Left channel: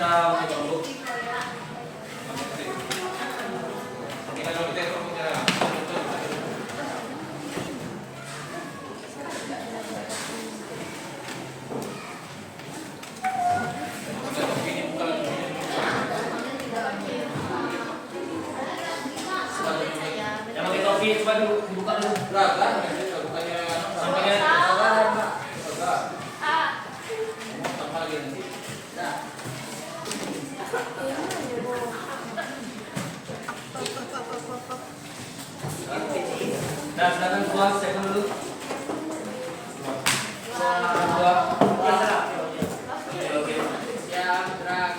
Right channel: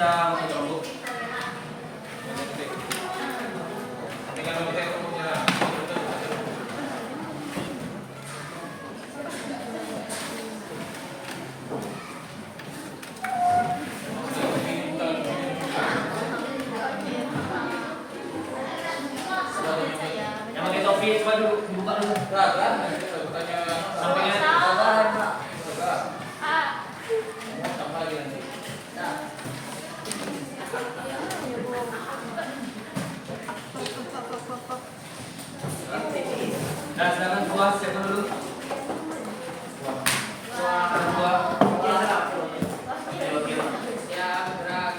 kita pakai rambut. Tinggal pakai rambutnya. Yang pakai topi coba dibuka dulu. Sampingnya. Nah, silakan keluar, siapkan dulu. Keluar. Oke. Siap, gerak.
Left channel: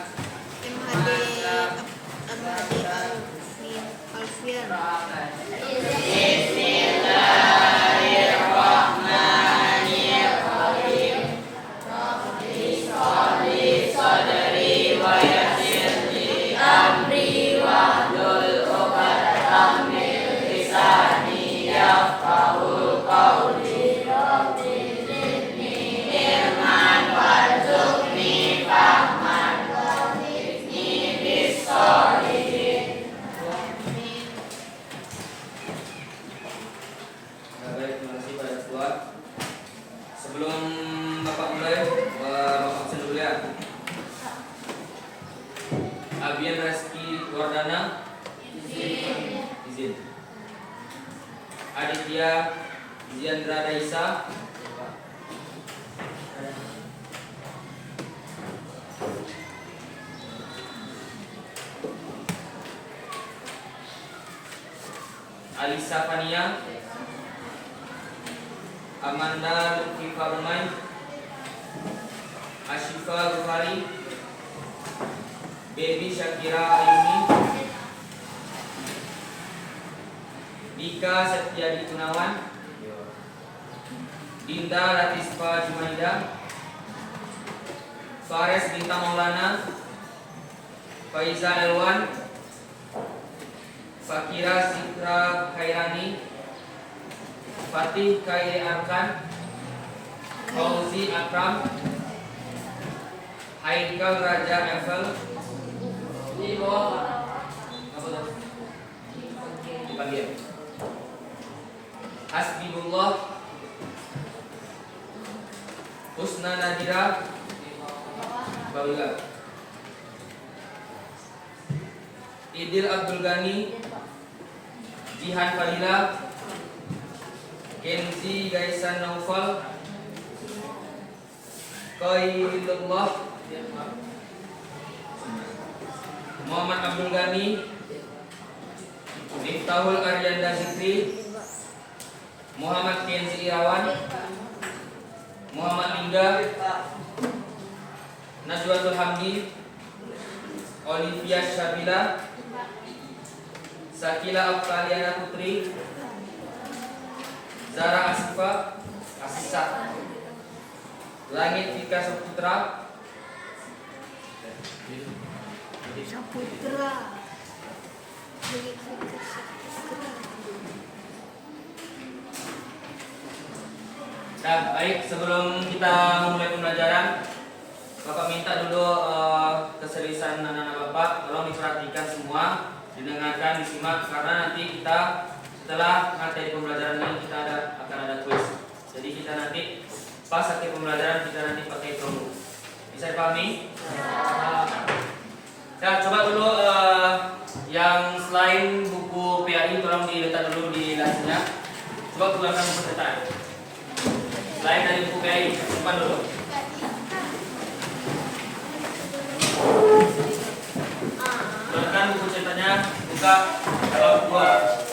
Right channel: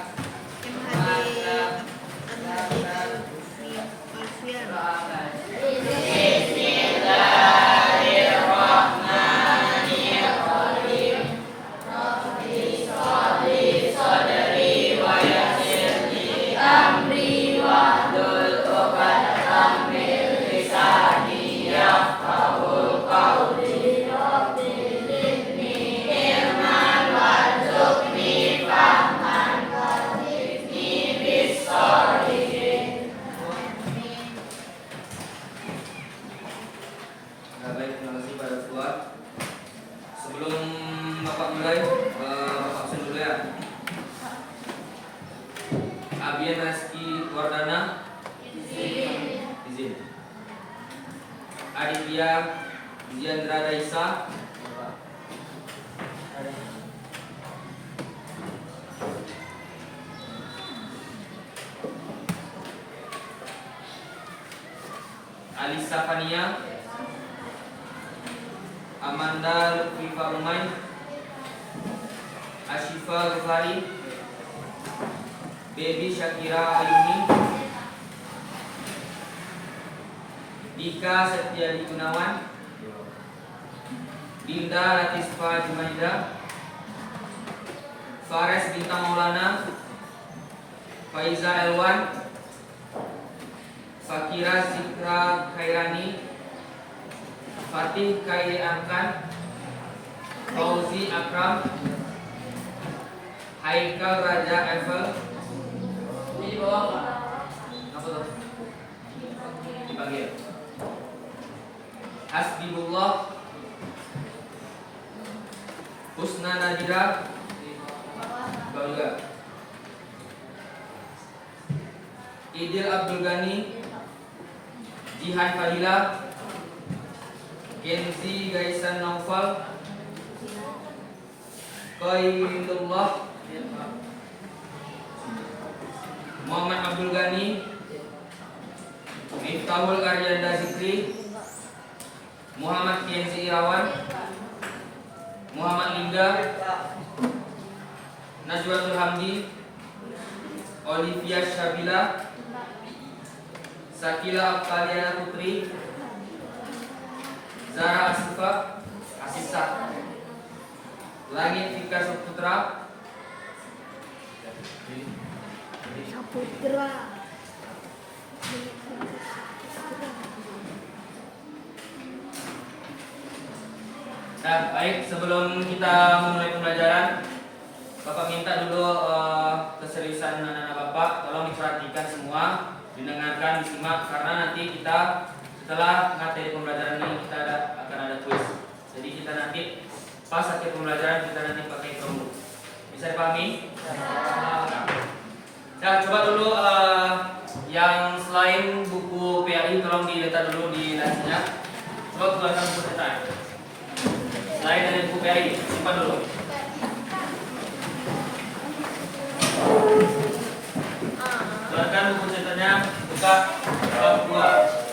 Sebelum Bapak mulai, Bapak absen dulu ya. Abian Reski Wardana, izin. Aditya Ziandra Daisa, Alisa Fania, Amanda Lutfi Farumai, Ashifa Ghafari, Baby Shakira Ayuni, Dika Setiadi Gunawan, Dinda Latisfa Jumaida, Fares Bintang Maulana, Faiza Elwan, Fakira Zikra Khairani, Fatih Khairi Arkan, Fauzi Akram, Haikal Raja Eiffel. Di bawah apa tuh? Dipanggil Hasbibullah, Husna Nadira, bawah juga. Idil Abdul Ghani, Jihan Fadila, Kenzi Gaisan Naufal, Qailullah, Muhammad Abdul Ghani, Miftahul Karyanda Zikri, Muhammad Kenzi Irawan, Muhammad Lingga, Najwatul Hamdi, Olivia Syabila, Sakila Afkaliana Putri, Zara Asisa, Langit Vika Saputra, Nah, baik, sebelum kita memulai pembelajaran, Bapak minta dulu keseriusan anak-anak Bapak, tolong diperhatikan semua, didengarkan, disimak, karena nanti kita setelah materi pembelajaran ini kita akan ada kuis. Jadi kita nanti pas akhir pembelajaran kita nanti pakai promo. Bisa dipahami? Ya, coba dulu yang selain buku PAI tolong diletak dulu di lasnya. Coba keluarkan buku cetak. Selain dari buku PAI, simpan dulu. Keluarkan buku cetaknya, buka bab 2.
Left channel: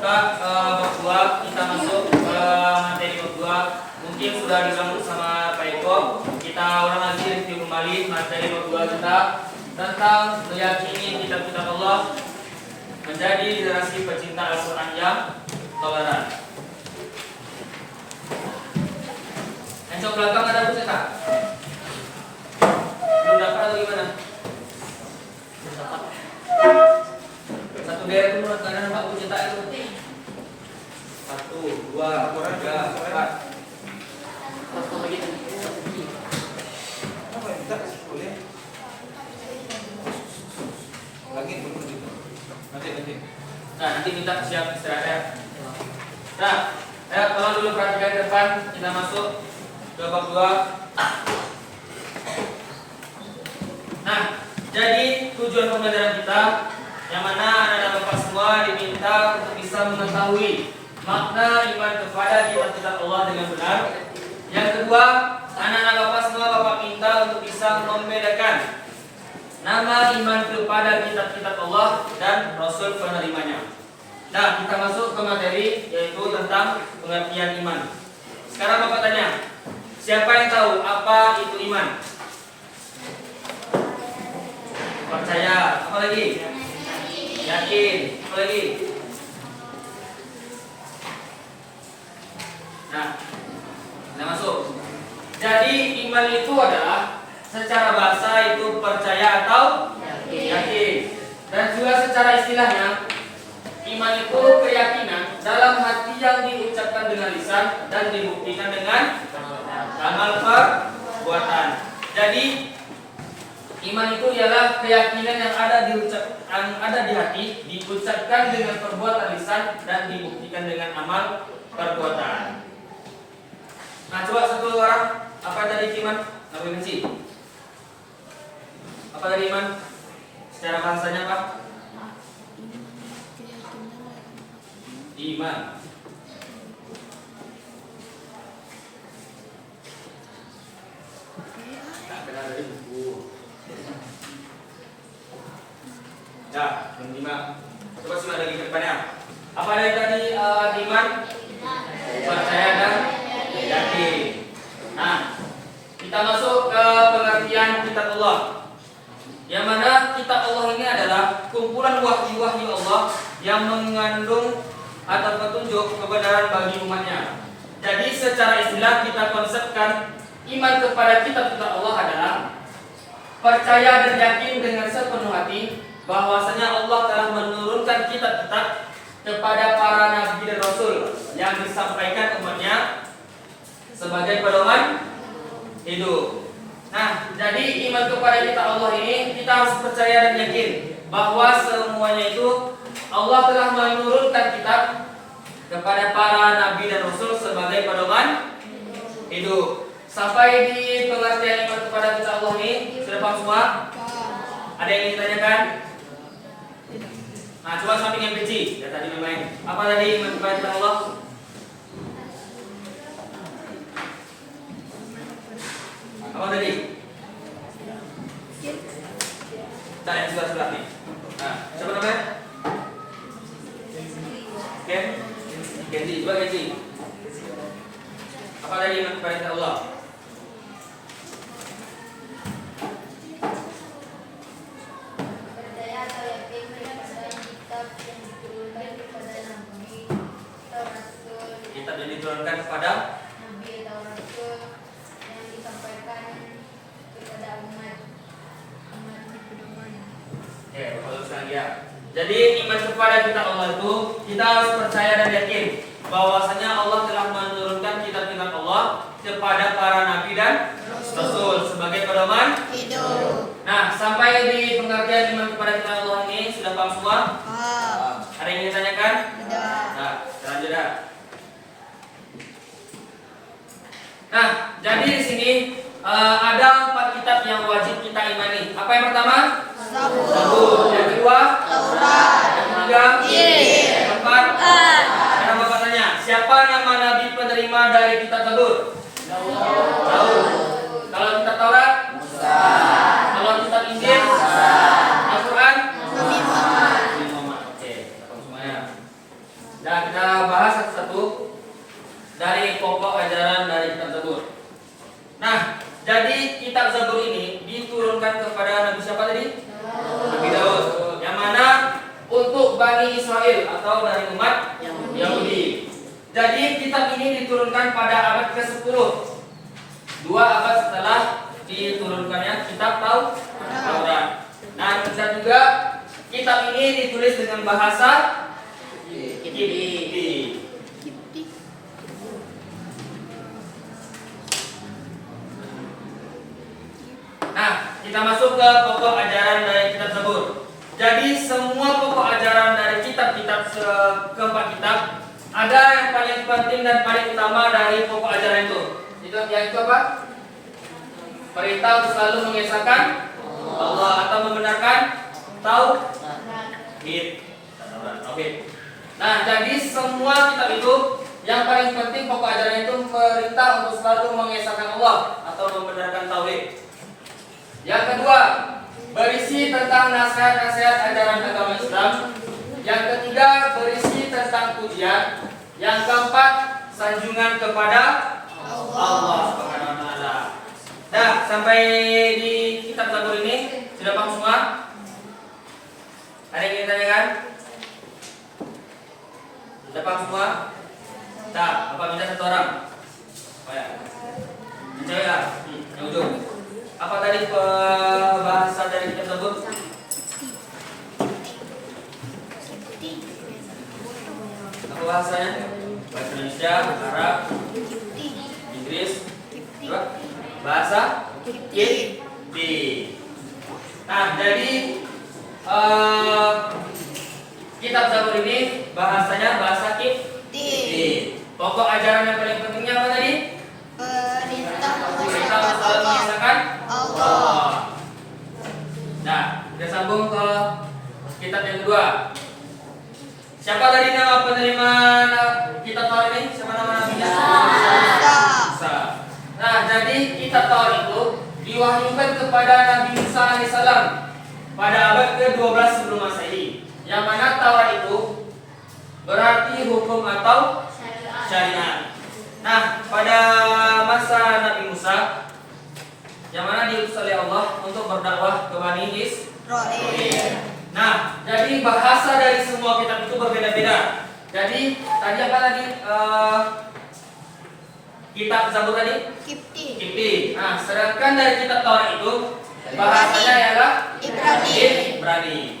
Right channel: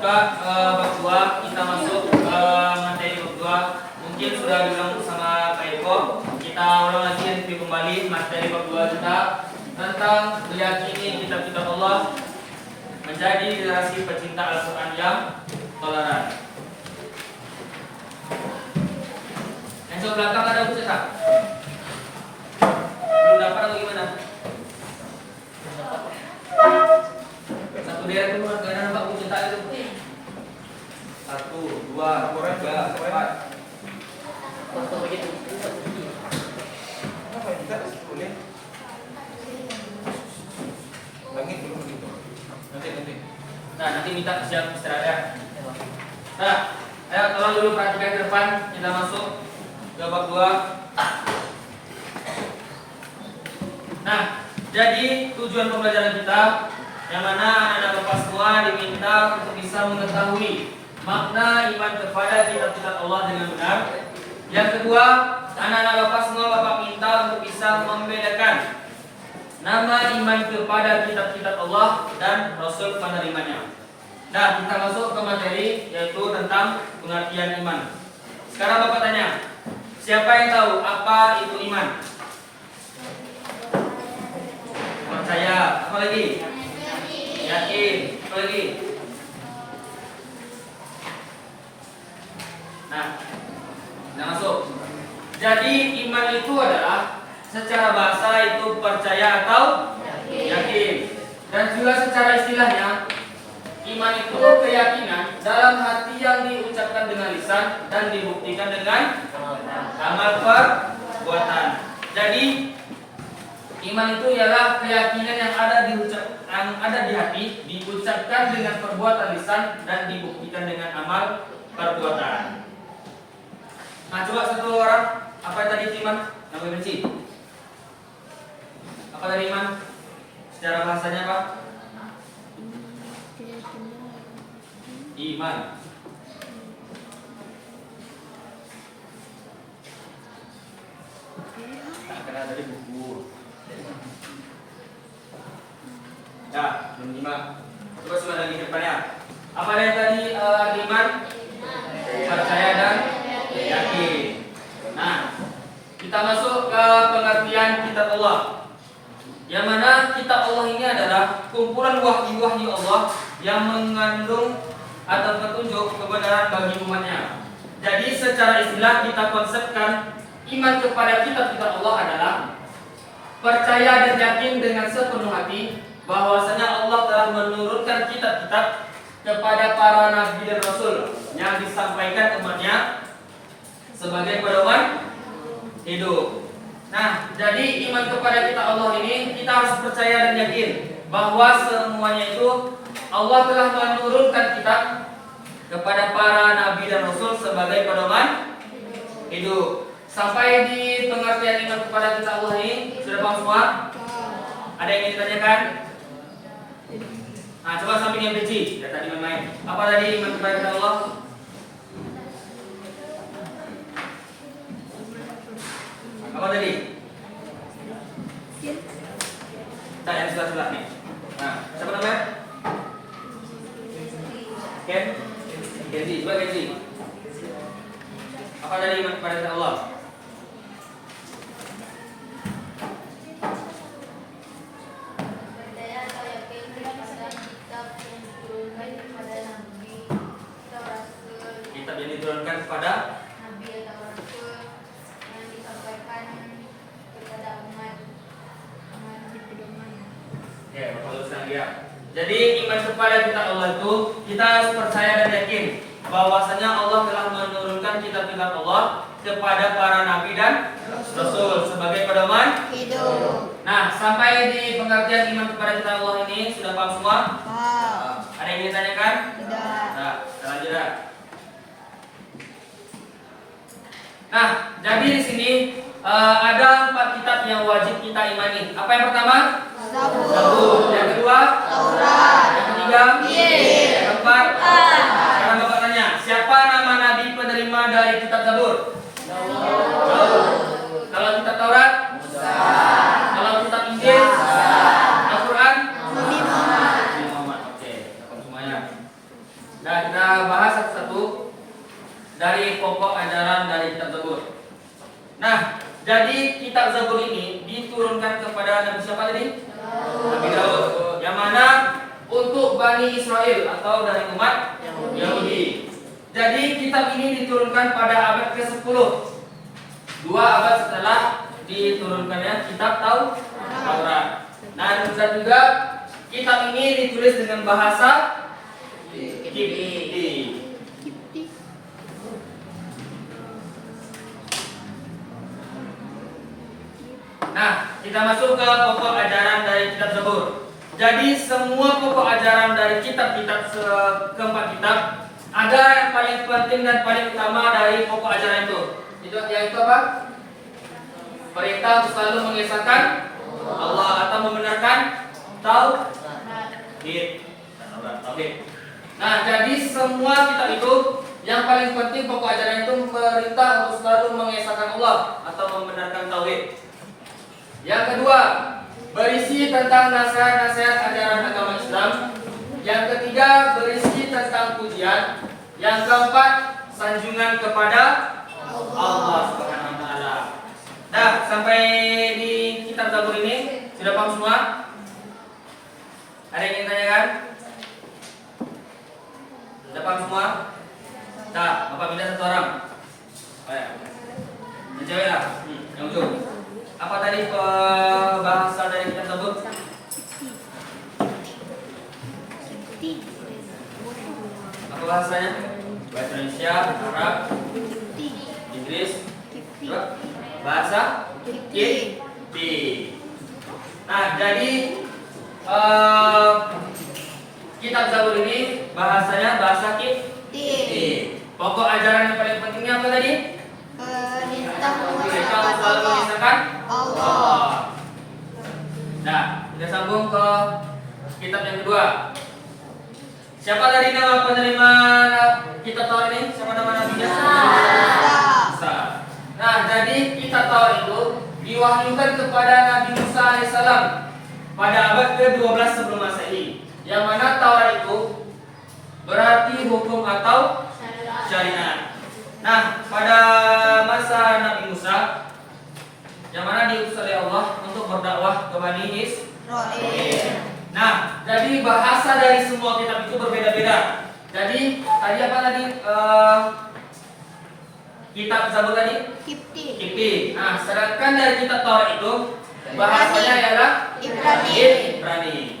buka bab 2, kita masuk ke materi bab 2. Mungkin sudah dibilang sama Pak Eko. Kita ulang lagi review kembali materi bab 2 kita tentang meyakini kitab-kitab Allah, menjadi generasi pecinta Al-Quran yang toleran. Yang coba belakang ada buku cetak? Belum dapat atau gimana? Satu daerah itu menurut kalian apa buku cetak itu? 1, 2, 3, 4. Nah, nanti minta siap istirahat. Nah, ayo tolong dulu perhatikan ke depan. Kita masuk ke bab 2. Nah, jadi tujuan pembelajaran kita, yang mana anak-anak Bapak semua diminta untuk bisa mengetahui makna iman kepada kitab-kitab Allah dengan benar. Yang kedua, anak-anak Bapak semua Bapak minta untuk bisa membedakan nama iman kepada kitab-kitab Allah dan Rasul penerimanya. Nah, kita masuk ke materi, yaitu tentang pengertian iman. Sekarang Bapak tanya, siapa yang tahu apa itu iman? Percaya, apa lagi? Yakin, apa lagi? Nah, kita masuk. Jadi iman itu adalah secara bahasa itu percaya atau yakin. Dan juga secara istilahnya, iman itu keyakinan dalam hati yang diucapkan dengan lisan dan dibuktikan dengan amal perbuatan. Jadi iman itu ialah keyakinan yang ada di hati, diucapkan dengan perbuatan lisan dan dibuktikan dengan amal perbuatan. Nah, coba satu orang, apa tadi iman? Namanya benci. Apa tadi iman? Secara bahasanya apa? Iman. Tak kenal dari buku. Ya, belum iman. Coba sudah lagi ke depannya. Apa yang tadi iman? Percaya dan yakin. Nah, kita masuk ke pengertian kitab Allah. Yang mana kitab Allah ini adalah kumpulan wahyu-wahyu Allah yang mengandung atau petunjuk kebenaran bagi umatnya. Jadi secara istilah kita konsepkan iman kepada kitab-kitab Allah adalah percaya dan yakin dengan sepenuh hati bahwasanya Allah telah menurunkan kitab-kitab kepada para nabi dan rasul yang disampaikan umatnya sebagai pedoman hidup. Nah, jadi iman kepada kitab Allah ini kita harus percaya dan yakin bahwa semuanya itu Allah telah menurunkan kitab kepada para nabi dan rasul sebagai pedoman hidup. Sampai di pengertian iman kepada kitab Allah ini sudah paham semua? Ada yang ingin ditanyakan? Nah, coba samping yang benci. Ya tadi main. Apa tadi iman kepada kitab Allah? Apa tadi? Kita yang sebelah nih. Nah, siapa namanya? Ken? Kenzi, coba Kenzi. Apa tadi iman kepada kitab Allah? Kitab yang diturunkan kepada nabi atau rasul yang disampaikan kepada umat ya, kalau dia. Jadi iman kepada kitab Allah itu kita harus percaya dan yakin bahwasanya Allah telah menurunkan kitab-kitab Allah kepada para nabi dan rasul sebagai pedoman hidup. Nah, sampai di pengertian iman kepada kitab Allah ini sudah paham semua? Ada yang ingin ditanyakan? Tidak. Nah, lanjut dah. Nah, jadi di sini ada 4 kitab yang wajib kita imani. Apa yang pertama? Zabur. Yang kedua? Taurat. Yang ketiga? Injil. Yang keempat? Sekarang Bapak tanya, siapa nama nabi penerima dari kitab Zabur? Daud. Kalau kitab Taurat? Musa. Kalau kitab Injil? Al-Quran? Nabi Muhammad. Oke, kita semuanya. Nah, kita bahas satu-satu dari pokok ajaran dari kitab Zabur. Nah, jadi kitab Zabur ini diturunkan kepada Nabi siapa tadi? Nabi Daud. Yang mana untuk Bani Israel atau dari umat Yahudi. Jadi kitab ini diturunkan pada abad ke-10. 2 abad setelah diturunkannya kitab Taurat. Nah, dan juga kitab ini ditulis dengan bahasa Kipti. Nah, kita masuk ke pokok ajaran dari kitab Zabur. Jadi semua pokok ajaran dari kitab-kitab keempat kitab ada yang paling penting dan paling utama dari pokok ajaran itu. Yaitu apa? Perintah untuk selalu mengesahkan Allah atau membenarkan tauhid. Nah, jadi semua kitab itu yang paling penting pokok ajaran itu perintah untuk selalu mengesahkan Allah atau membenarkan tauhid. Yang kedua, berisi tentang nasihat-nasihat ajaran agama Islam. Yang ketiga, berisi tentang pujian. Yang keempat, sanjungan kepada Allah Subhanahu wa taala. Dah, sampai di kitab Zabur ini sudah paham semua? Ada yang ingin tanyakan? Sudah paham semua? Dah, Bapak minta satu orang. Oh ya. Yang cewek lah, yang ujung. Apa tadi bahasa dari kitab Zabur? Apa bahasanya? Bahasa Indonesia, Arab, Inggris, bahasa Kipti. Nah, jadi kitab Zabur ini bahasanya bahasa Kipti. Pokok ajaran yang paling pentingnya apa tadi? Perintah untuk selalu mengesahkan Allah. Nah, kita sambung ke kitab yang kedua. Siapa tadi nama penerima kitab Taurat ini? Siapa nama nabinya? Musa. Nah, jadi kitab Taurat itu diwahyukan kepada Nabi Musa alaihissalam pada abad ke-12 sebelum Masehi. Yang mana Taurat itu berarti hukum atau syariat. Nah, pada masa Nabi Musa yang mana diutus oleh Allah untuk berdakwah ke Bani Israil. Nah, jadi bahasa dari semua kitab itu berbeda-beda. Jadi tadi apa tadi? Kitab Zabur tadi? Kipti. Nah, sedangkan dari kitab Taurat itu bahasanya ialah Ibrani.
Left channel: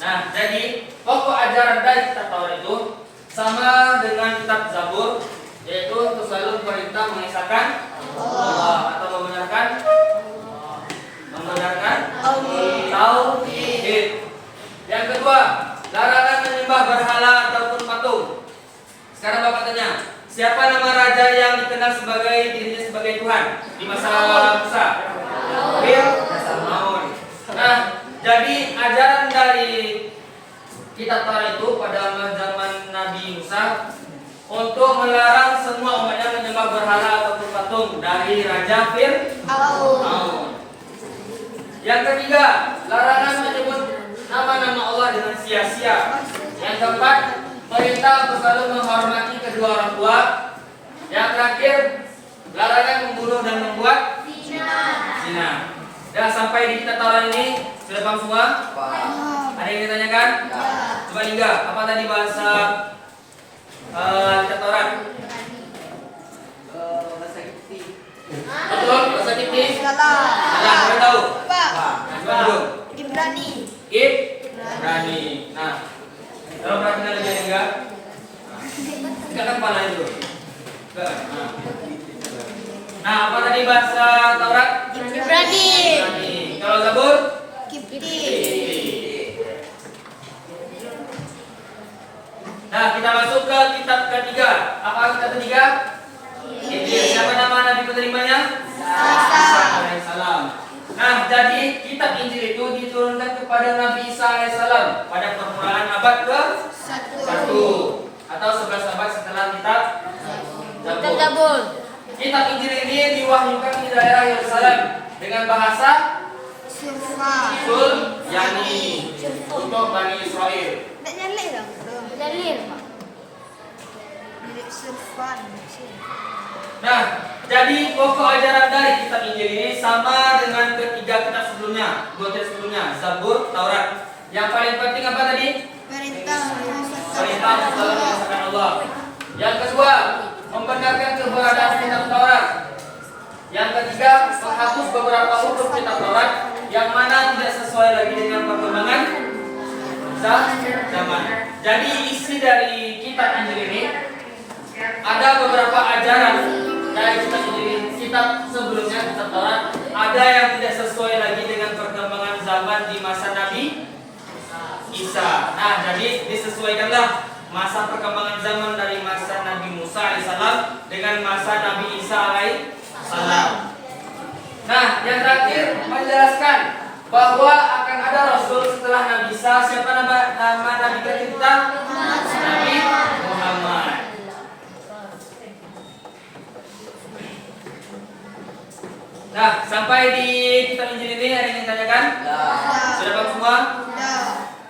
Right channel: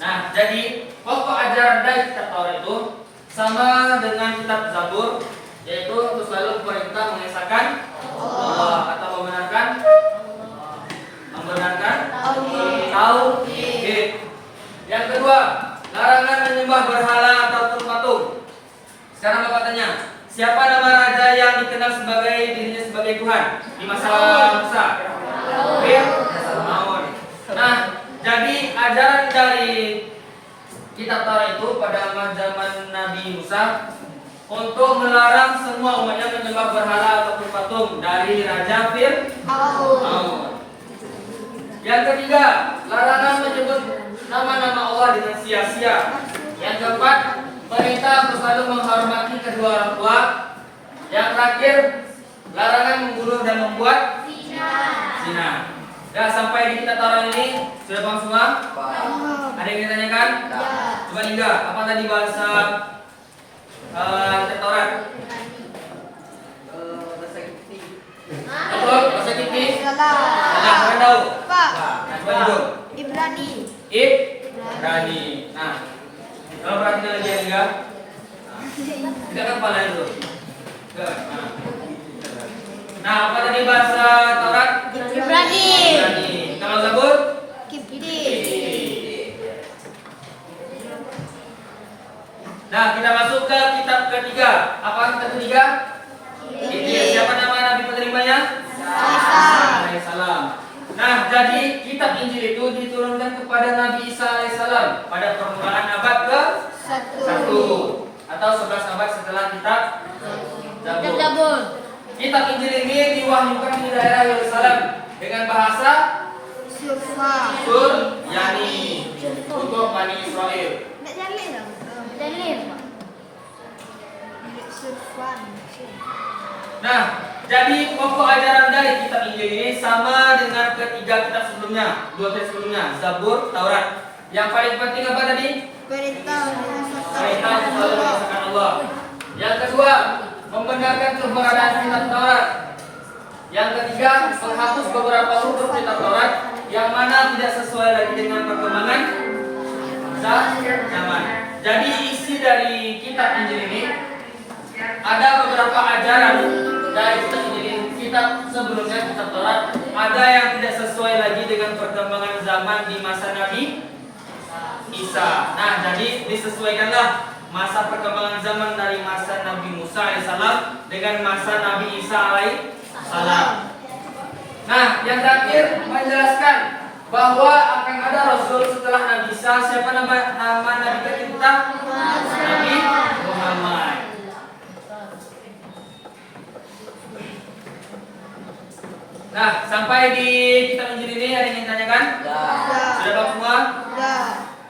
Nah, jadi pokok ajaran dari kitab Taurat itu sama dengan kitab Zabur, yaitu untuk selalu perintah mengesahkan Allah atau membenarkan tauhid. Yang kedua, larangan menyembah berhala ataupun patung. Sekarang Bapak tanya, siapa nama raja yang dikenal sebagai dirinya sebagai Tuhan di masa Musa? Fir'aun. Nah, jadi ajaran dari kitab Taurat itu pada zaman Nabi Musa untuk melarang semua umatnya menyembah berhala ataupun patung dari Raja Fir'aun. Yang ketiga, larangan menyebut nama-nama Allah dengan sia-sia. Yang keempat, perintah untuk selalu menghormati kedua orang tua. Yang terakhir, larangan membunuh dan membuat zina. Ya, sampai di kitab Taurat ini sudah paham semua? Ada yang ditanyakan? Coba hingga, apa tadi bahasa kitab Taurat? Bahasa Kipti. Betul, bahasa Kipti. Salah. Kalian tahu? Ibrani. Nah, kalau perhatikan lagi hingga, tidak kan kepala itu. Nah, apa tadi bahasa Taurat? Ibrani. Kalau Zabur? Kipti. Nah, kita masuk ke kitab ketiga. Apa kitab ketiga? Kipti. Siapa nama nabi penerimanya? Alaihissalam. Nah, jadi kitab Injil itu diturunkan kepada Nabi Isa alaihissalam pada permulaan abad ke-1 atau 11 abad setelah kitab Zabur. Kitab Injil ini diwahyukan di daerah Yerusalem dengan bahasa Surya. Yani untuk Bani Israel. Nah, jadi pokok ajaran dari kitab Injil ini sama dengan ketiga kitab sebelumnya, dua kitab sebelumnya, Zabur, Taurat. Yang paling penting apa tadi? Perintah selalu mengesahkan Allah. Yang kedua, membenarkan keberadaan kitab Taurat. Yang ketiga, menghapus beberapa huruf kitab Taurat yang mana tidak sesuai lagi dengan perkembangan zaman. Jadi isi dari kitab Injil ini ada beberapa ajaran dari kitab Injil ini, kitab sebelumnya, kitab Taurat, ada yang tidak sesuai lagi dengan perkembangan zaman di masa Nabi Isa. Nah, jadi disesuaikanlah masa perkembangan zaman dari masa Nabi Musa alaihissalam dengan masa Nabi Isa alaihissalam. Nah, yang terakhir menjelaskan bahwa akan ada Rasul setelah Nabi Isa. Siapa nama Nabi kita? Nabi Muhammad. Nah, sampai di kitab Injil ini ada yang ingin tanyakan? Sudah paham semua?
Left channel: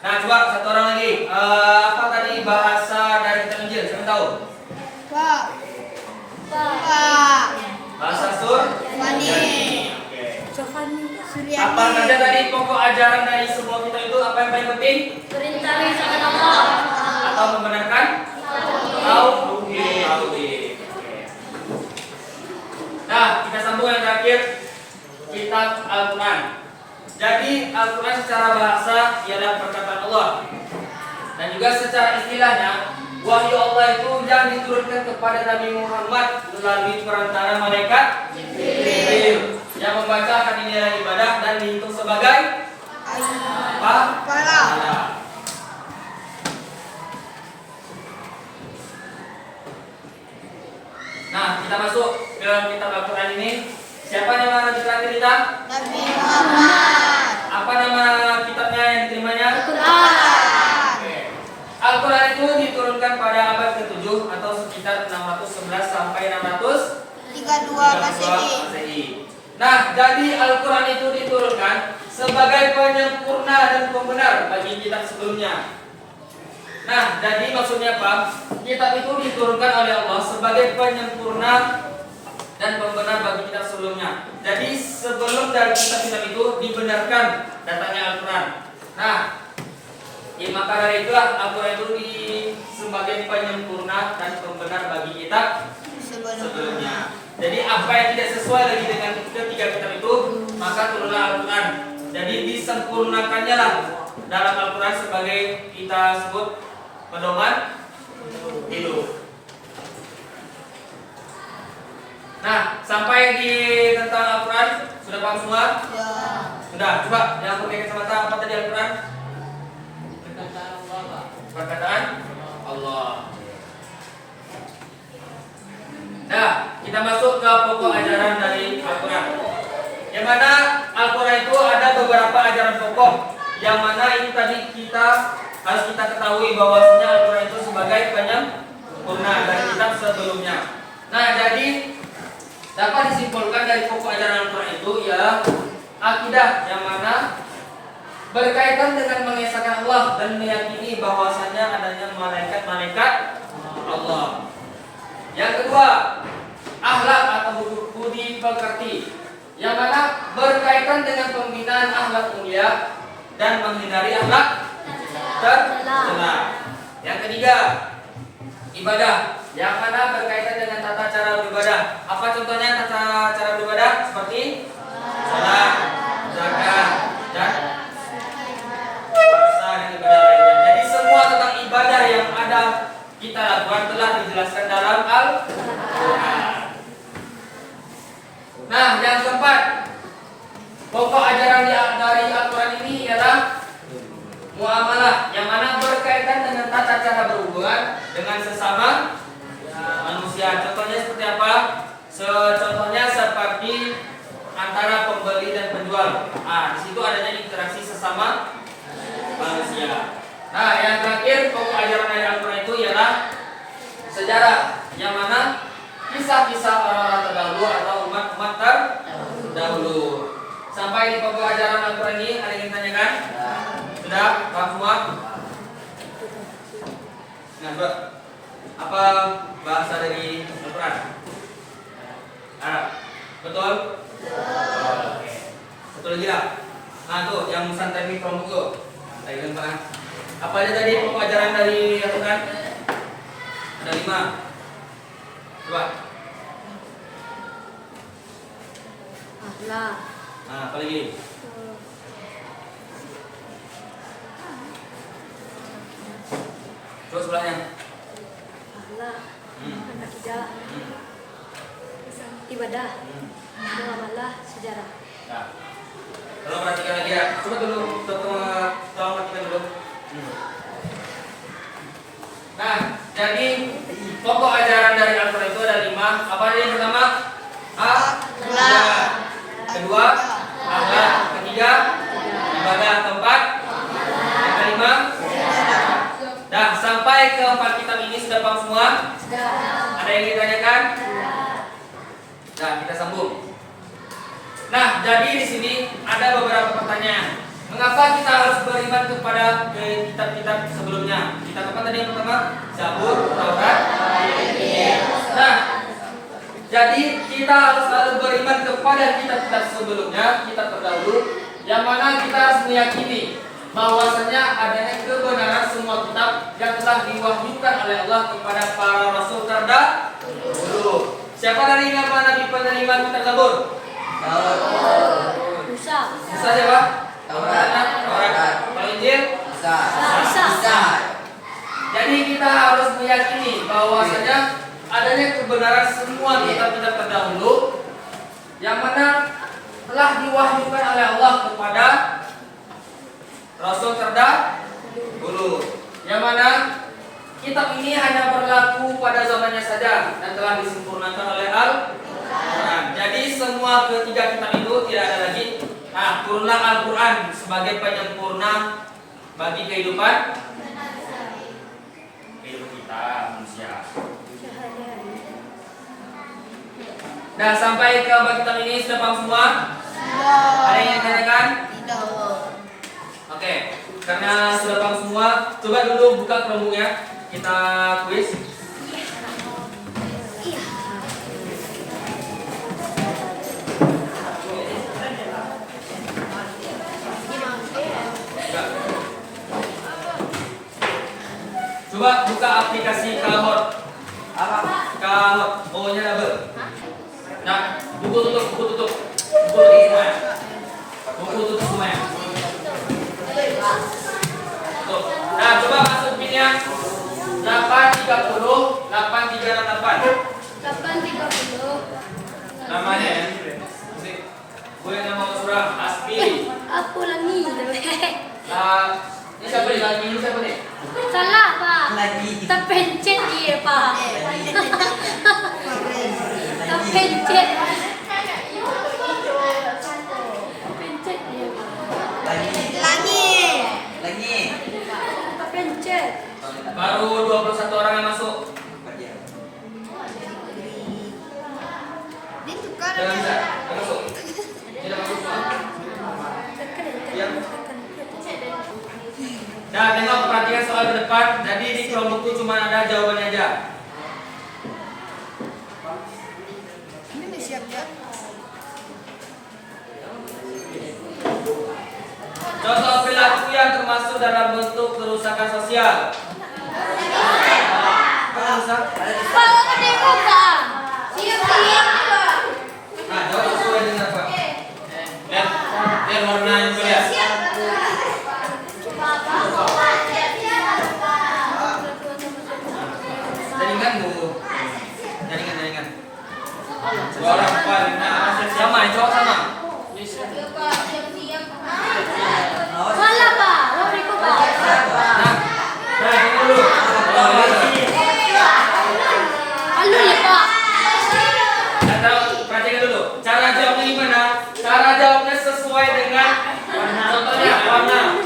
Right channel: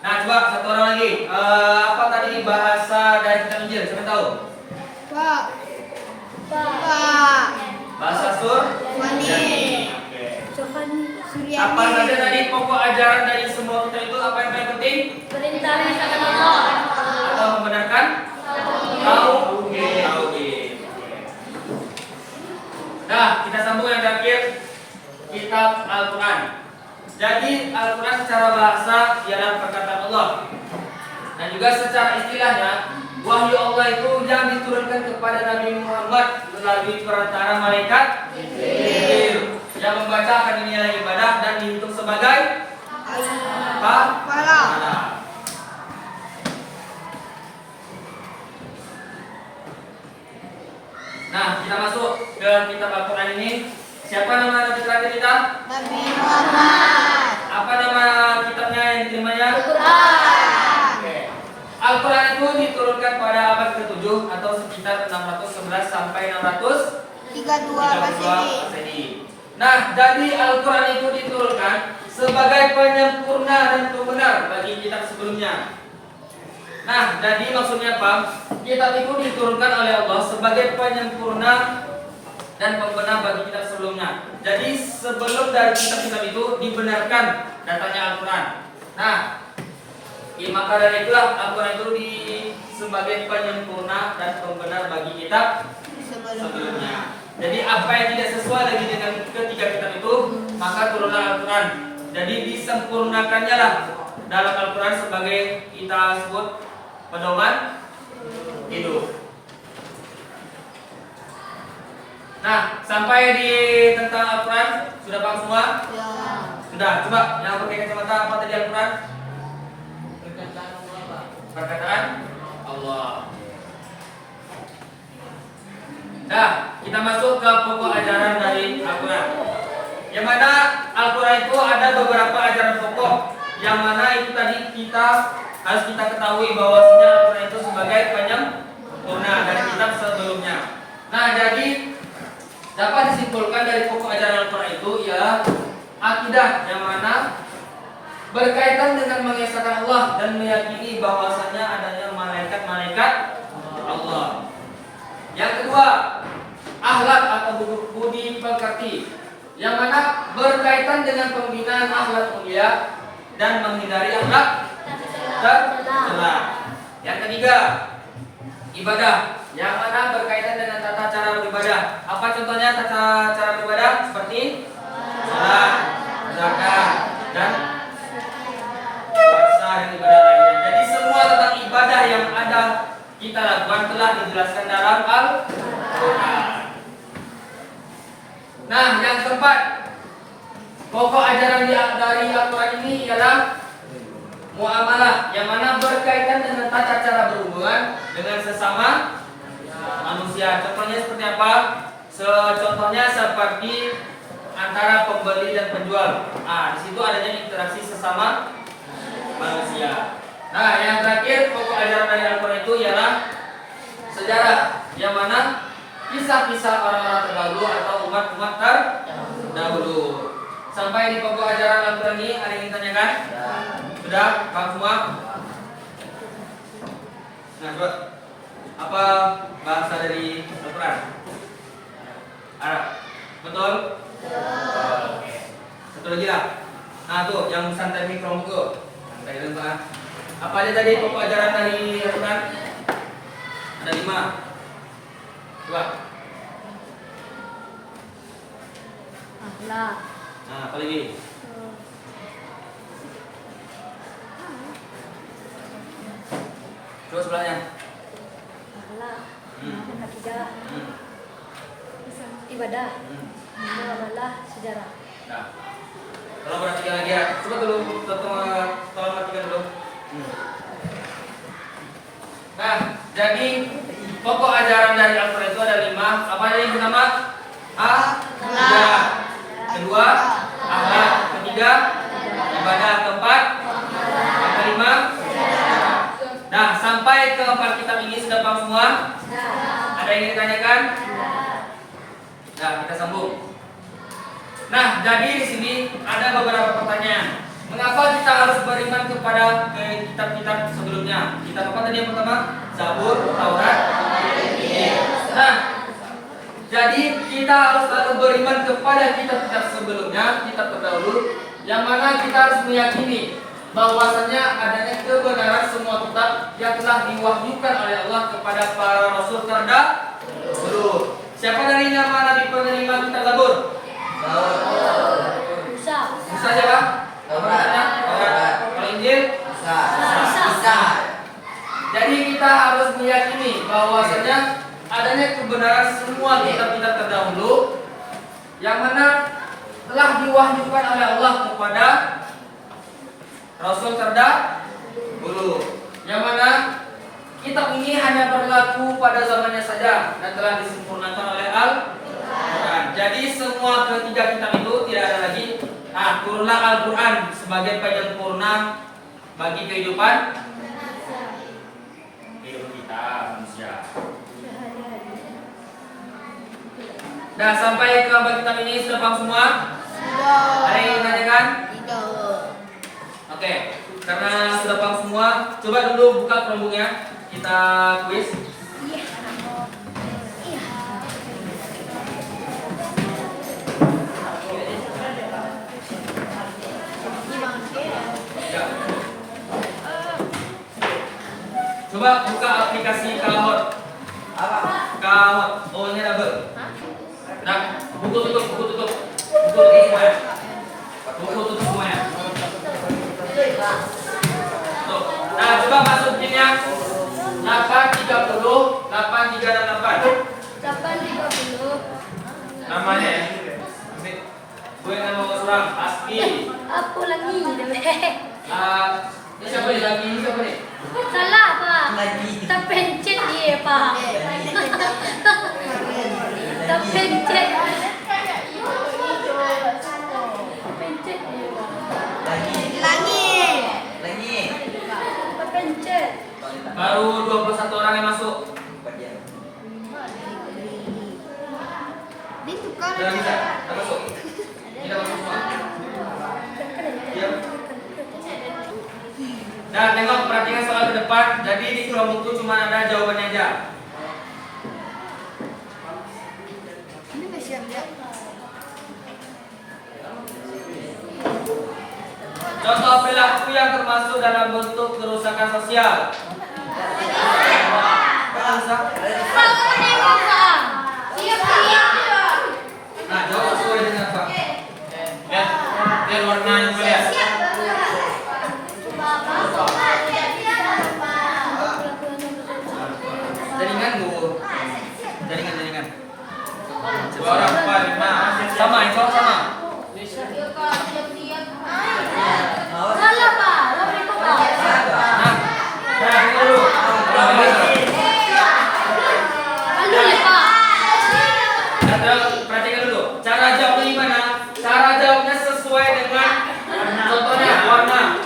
Nah, coba satu orang lagi. Apa tadi bahasa dari kitab Injil? Siapa tahu? Bahasa Surani. Oke. Apa saja tadi pokok ajaran dari semua kitab itu? Apa yang paling penting? Perintah mengesahkan Allah Atau membenarkan? Tauhid. Nah, kita sambung yang terakhir, kitab Al-Quran. Jadi Al-Quran secara bahasa ialah perkataan Allah, dan juga secara istilahnya wahyu Allah itu yang diturunkan kepada Nabi Muhammad melalui perantara malaikat Jibril yang membaca akan dinilai ibadah dan dihitung sebagai pahala. Nah, kita masuk ke kitab Al-Quran ini. Siapa nama Nabi terakhir kita? Nabi Muhammad. Apa nama kitabnya yang diterimanya? Al-Quran. Al-Quran itu diturunkan pada abad ke-7 atau sekitar 611 sampai 632 Masehi. Nah, jadi Al-Quran itu diturunkan sebagai penyempurna dan pembenar bagi kitab sebelumnya. Nah, jadi maksudnya apa? Kitab itu diturunkan oleh Allah sebagai penyempurna dan pembenar bagi kitab sebelumnya. Jadi sebelum dari kitab-kitab itu dibenarkan datanya Al-Quran. Nah, maka dari itulah Al-Quran itu sebagai penyempurna dan pembenar bagi kitab sebelumnya. Jadi apa yang tidak sesuai lagi dengan ketiga kitab itu, maka turunlah Al-Quran. Jadi disempurnakannya lah dalam Al-Quran sebagai kita sebut pedoman hidup. Nah, sampai di tentang Al-Quran sudah paham semua? Ya. Sudah. Coba yang pakai kacamata, apa tadi Al-Quran? Perkataan Allah. Nah, kita masuk ke pokok ajaran dari Al-Quran. Yang mana Al-Quran itu ada beberapa ajaran pokok, yang mana itu tadi harus kita ketahui bahwasanya Al-Quran itu sebagai penyempurna dari kitab sebelumnya. Nah, jadi dapat disimpulkan dari pokok ajaran Al-Quran itu ialah akidah, yang mana berkaitan dengan mengesahkan Allah dan meyakini bahwasanya adanya malaikat-malaikat Allah. Yang kedua, akhlak atau budi pekerti, yang mana berkaitan dengan pembinaan akhlak mulia dan menghindari akhlak tercela. Yang ketiga, ibadah, yang mana berkaitan dengan tata cara beribadah. Apa contohnya tata cara beribadah? Seperti salat, zakat, dan puasa dan ibadah lainnya. Jadi semua tentang ibadah yang ada kita lakukan telah dijelaskan dalam Al-Quran. Nah, yang keempat, pokok ajaran dari Al-Quran ini ialah muamalah, yang mana berkaitan dengan tata cara berhubungan dengan sesama manusia. Contohnya seperti apa? Contohnya seperti antara pembeli dan penjual. Di situ adanya interaksi sesama manusia. Nah, yang terakhir pokok ajaran dari Al-Quran itu ialah sejarah, yang mana kisah-kisah orang-orang terdahulu atau umat-umat terdahulu. Sampai di pokok ajaran Al-Quran ini ada yang ditanyakan? Sudah? Paham semua? Nah, coba. Apa bahasa dari Al-Quran? Arab. Betul? Oke. Satu lagi lah. Nah tuh, yang santai Chromebook tuh. Santai lupa kan? Apa aja tadi pokok ajaran dari Al-Quran? Ada 5. Coba. Akhlak. Nah, apa lagi? Terus sebelahnya. Akhlak. Hmm. Akidah. Hmm. Ibadah. Hmm. Itu adalah sejarah. Nah, tolong perhatikan lagi ya. Coba dulu, tolong perhatikan dulu. Nah, jadi pokok ajaran dari Al-Quran itu ada 5. Apa aja yang pertama? Akhlak. Kedua, akhlak. Ketiga, ibadah. Keempat, yang kelima. Nah, sampai ke 4 kitab ini sudah paham semua? Ada yang ditanyakan? Nah, kita sambung. Nah, jadi di sini ada beberapa pertanyaan. Mengapa kita harus beriman kepada kitab-kitab sebelumnya? Kitab apa tadi yang pertama? Zabur, Taurat, Injil. Nah, jadi kita harus selalu beriman kepada kitab-kitab sebelumnya, kitab terdahulu, yang mana kita harus meyakini bahwasanya adanya kebenaran semua kitab yang telah diwahyukan oleh Allah kepada para rasul terdahulu. Siapa dari nama Nabi penerima kitab Zabur? Musa. Musa siapa? Taurat. Kalau Injil? Isa. Jadi kita harus meyakini bahwasanya adanya kebenaran semua kitab-kitab terdahulu yang mana telah diwahyukan oleh Allah kepada Rasul terdahulu. Yang mana kitab ini hanya berlaku pada zamannya saja dan telah disempurnakan oleh Al-Quran. Jadi semua ketiga kitab itu tidak ada lagi. Nah, turunlah Al-Quran sebagai penyempurna bagi kehidupan kita manusia. Nah, sampai ke bab kitab ini sudah paham semua? Ada yang ditanyakan? Oke, karena sudah paham semua, coba dulu buka Chromebook-nya. Kita kuis. Coba buka aplikasi Kahoot. Kahoot, O-nya double. Nah, buku tutup. Buku tutup semuanya. Tuh. Nah, coba masuk pinnya 830 8368. 830. Namanya ya. Gue yang mau suram Aspi. Aku lagi. Ini siapa nih? Lagi ini siapa nih? Salah, Pak. Terpencet dia, Pak. Terpencet. Terpencet dia, Pak. Terpencet. Baru 21 orang yang masuk. Tidak bisa. Tidak masuk. Tidak masuk. Ya. Nah, tengok perhatikan soal ke depan. Jadi di Chromebook itu cuma ada jawabannya aja. Ini udah siap-siap. Contoh perilaku yang termasuk dalam bentuk kerusakan sosial. Apa rusak? Nah, jawab sesuai dengan apa? Lihat warna yang lihat. Jaringan. Dua orang, 4, 5. Sama, yang cowok sama. Salah, Pak. Nah, ini dulu. Lalu ya, Pak. Perhatikan dulu. Cara jawabnya gimana? Cara jawabnya sesuai dengan contohnya warna.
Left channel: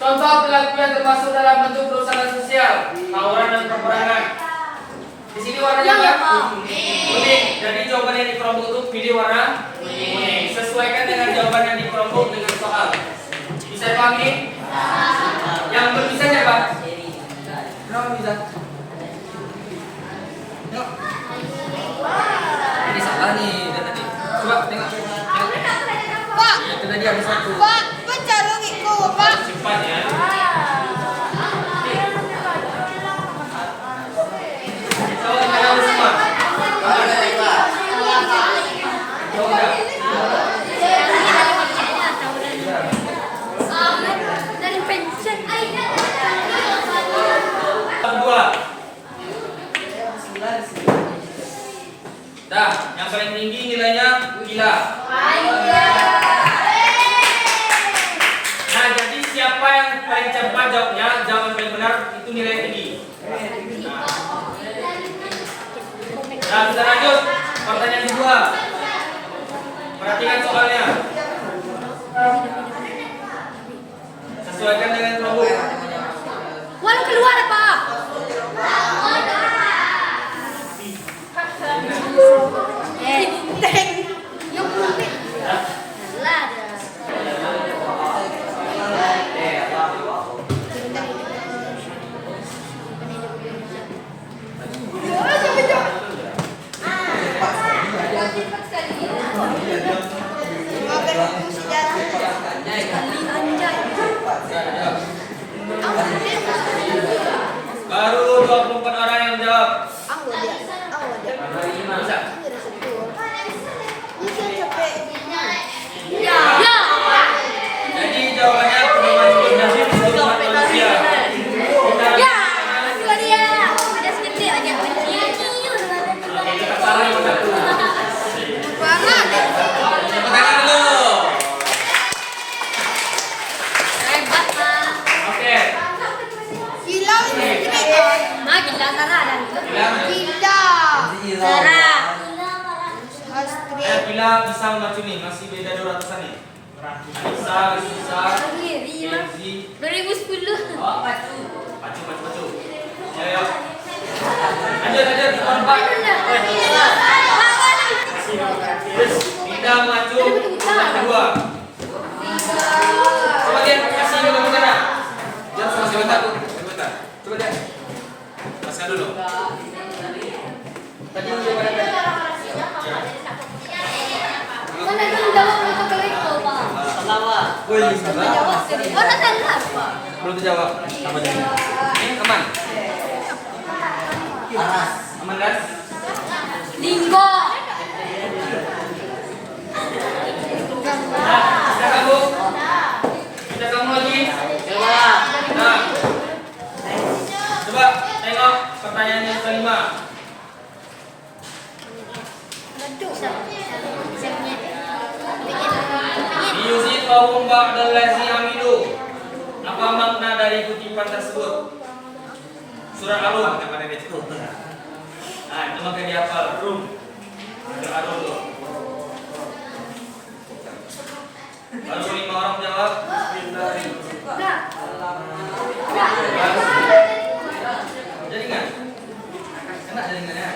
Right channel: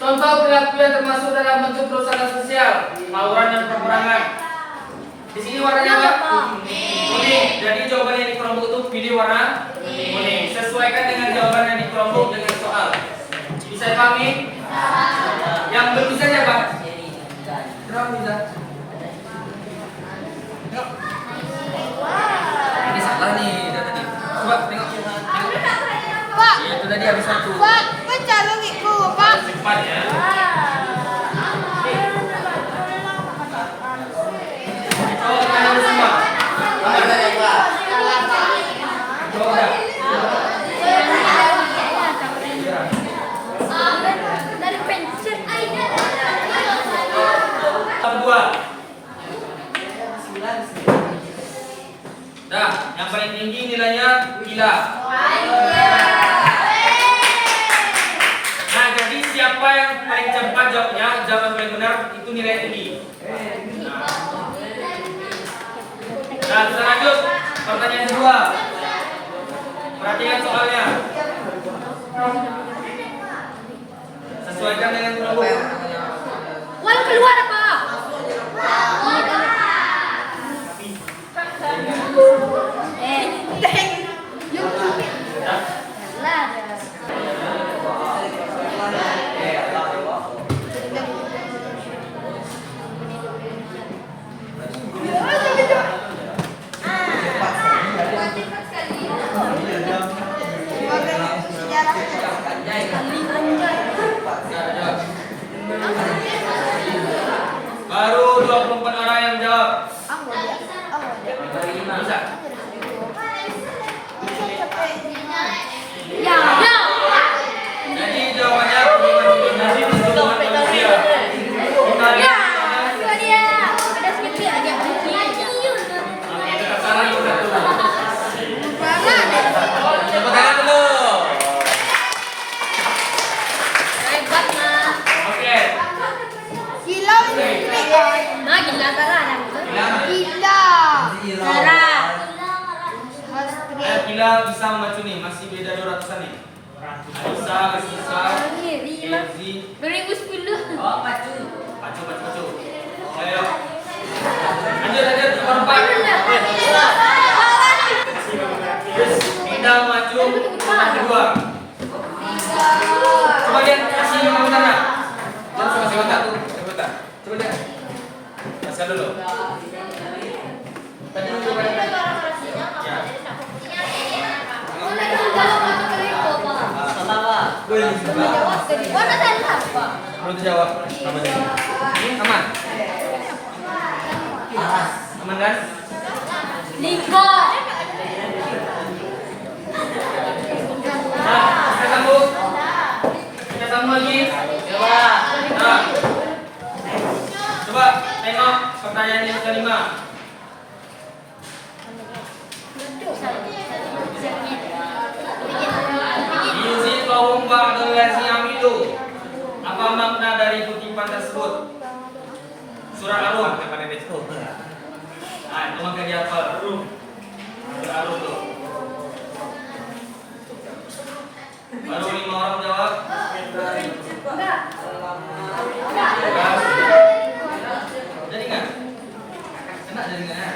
Contoh perilaku yang termasuk dalam bentuk kerusakan sosial, tawuran dan peperangan. Di sini warnanya apa? Kuning. Jadi jawabannya di Chromebook itu pilih warna kuning. Sesuaikan dengan jawaban yang di Chromebook dengan soal. Bisa dipahami? satu. Pak, pencari giku, Pak. Simpan ya. Coba kita semua. Dari pensiun. Dua. Dah, yang paling tinggi nilainya gila. Nah, jadi siapa yang paling cepat jawabnya, jawaban paling benar itu nilai tinggi. Nah, kita lanjut. Pertanyaan kedua. Perhatikan soalnya. Sesuaikan dengan kelompok. Wal keluar, Pak. Baru 24 orang yang menjawab. Bisa? Jadi jawabannya kombinasi keseluruhan manusia. Kita kita salah yang satu. Tepuk tangan dulu. Oke. Gila, Gila bisa membaca nih, masih beda 200-an nih. Anissa, Anissa, Kenzi. 2010. Pacu. Ayo. Lanjut, kompak. Tidak maju, nomor kedua. Coba lihat, kasih komentarnya. Jangan sama sebentar. Coba lihat. Masukkan dulu. Tadi belum terjawab. Ini aman. Aman kan? Linggo. Nah, kita kamu. Kita kamu lagi. Nah, coba tengok pertanyaan yang kelima. Yuzi kaum ba'dal lazi amilu. Apa makna dari kutipan tersebut? Surah Ar-Rum. Nah, itu makanya dihafal. Rum. Surah Ar-Rum tuh. Baru 5 orang jawab. Jadi kan? Kena jaringannya.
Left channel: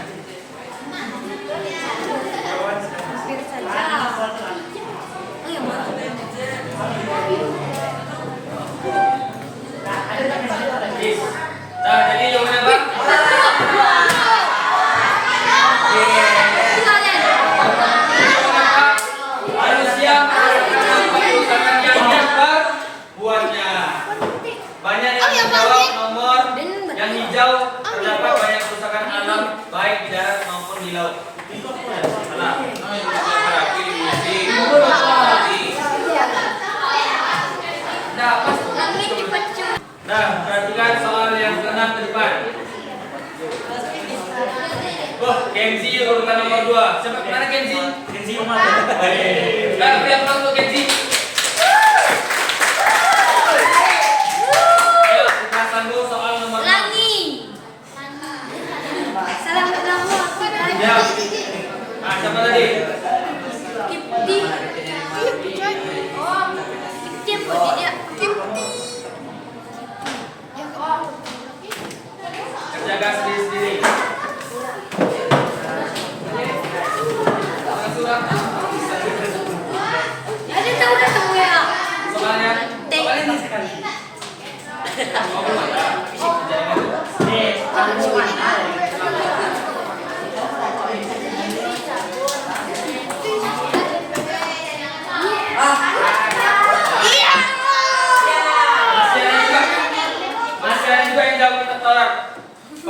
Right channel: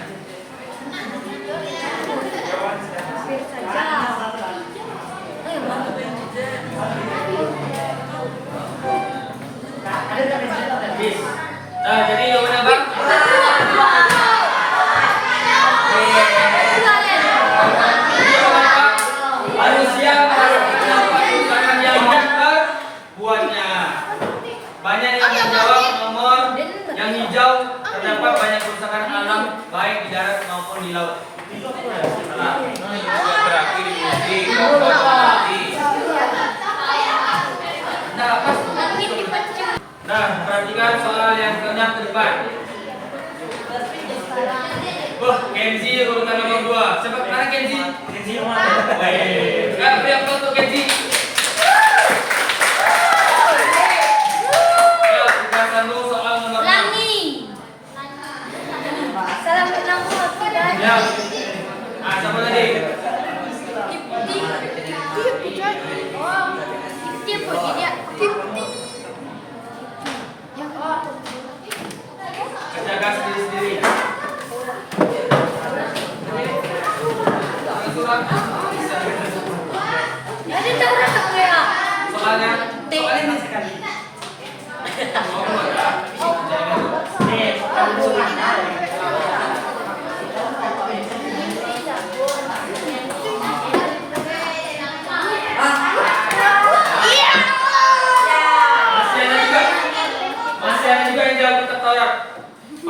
Nah, jadi jawabannya apa? Harus siap tangan yang dapat buatnya. Banyak yang menjawab nomor yang hijau, terdapat banyak kerusakan alam baik di darat maupun di laut. Salah. Nah, pas. Nah, perhatikan soal yang ke-6 ke depan. Kenzi urutan nomor 2. Coba mana Kenzi? Kenzi mana? Beri aplaus untuk Kenzi. Ayo, kita akan dulu soal nomor 6. Salam bernamu. Ya. Ah, siapa tadi? Kerjakan sendiri-sendiri. Ada tahu ya? Soalnya ini sekali. Mau keluar ya?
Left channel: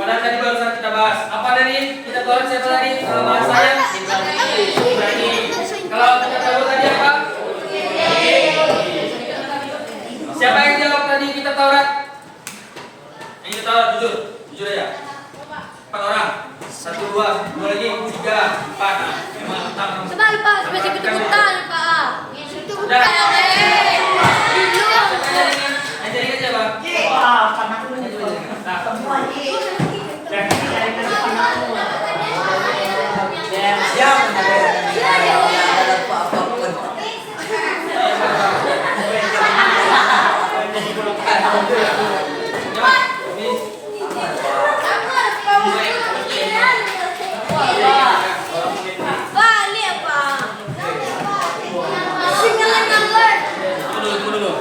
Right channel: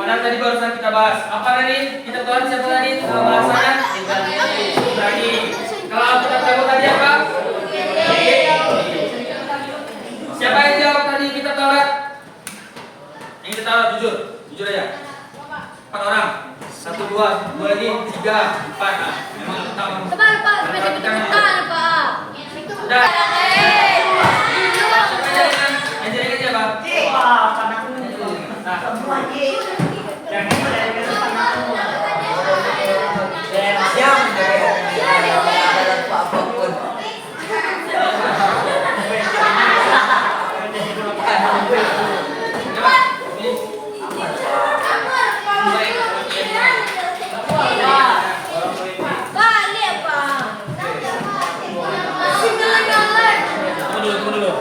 Dan tadi barusan kita bahas. Apa tadi? Kita Taurat siapa tadi? Bahasanya Ibrani. Kalau kita tahu tadi apa? Siapa yang jawab tadi kita Taurat? Yang kita Taurat jujur aja. 4 orang. 1, 2 lagi, 3, 4. Nah, memang utama. Tebal, Pak. Baca betul-betul, Pak. Udah. Dulu. Ajarin aja, Bang. Balik, Pak. Singalan-ngalan. Tunggu dulu.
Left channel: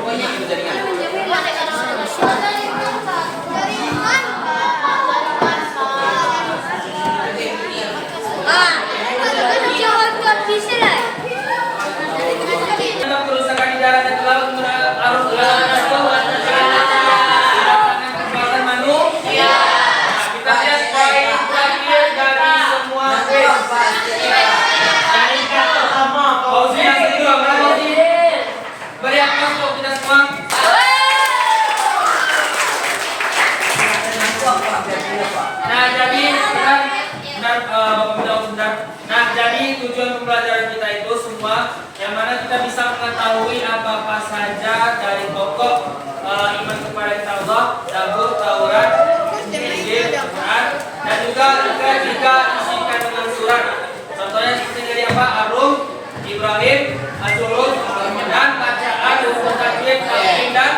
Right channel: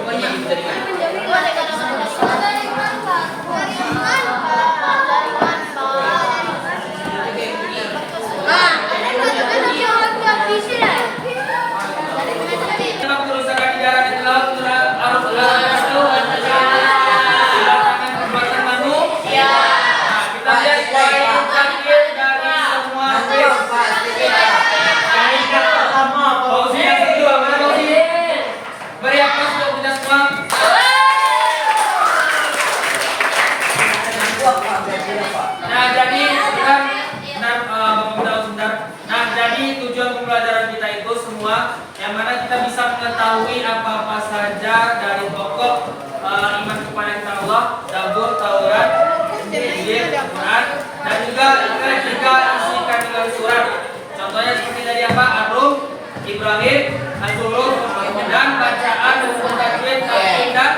Dalam kerusakan di darat dan laut arus laut itu dilakukan perbuatan manusia. Nah, kita lihat poin terakhir dari semua quiz. Fauzi yang kedua, mana Fauzi? Beri aplaus untuk kita semua. Nah, jadi benar, benar. Nah, jadi tujuan pembelajaran kita itu semua yang mana kita bisa mengetahui apa-apa saja dari pokok iman kepada kita Allah, Zabur, Taurat, Injil, Quran, dan juga jika isikan dalam surat. Contohnya seperti tadi apa? Arum, Ibrahim, Az-Zuruf, dan bacaan, hukum tajwid, talqin dan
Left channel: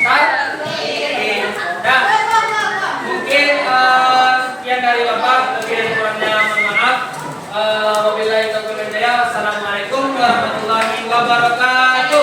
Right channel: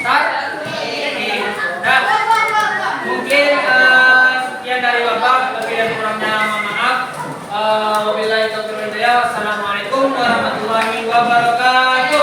tartil. Nah, mungkin sekian dari Bapak, lebih dan kurangnya mohon maaf. Wabillahi taufiq wal hidayah. Wassalamualaikum warahmatullahi wabarakatuh.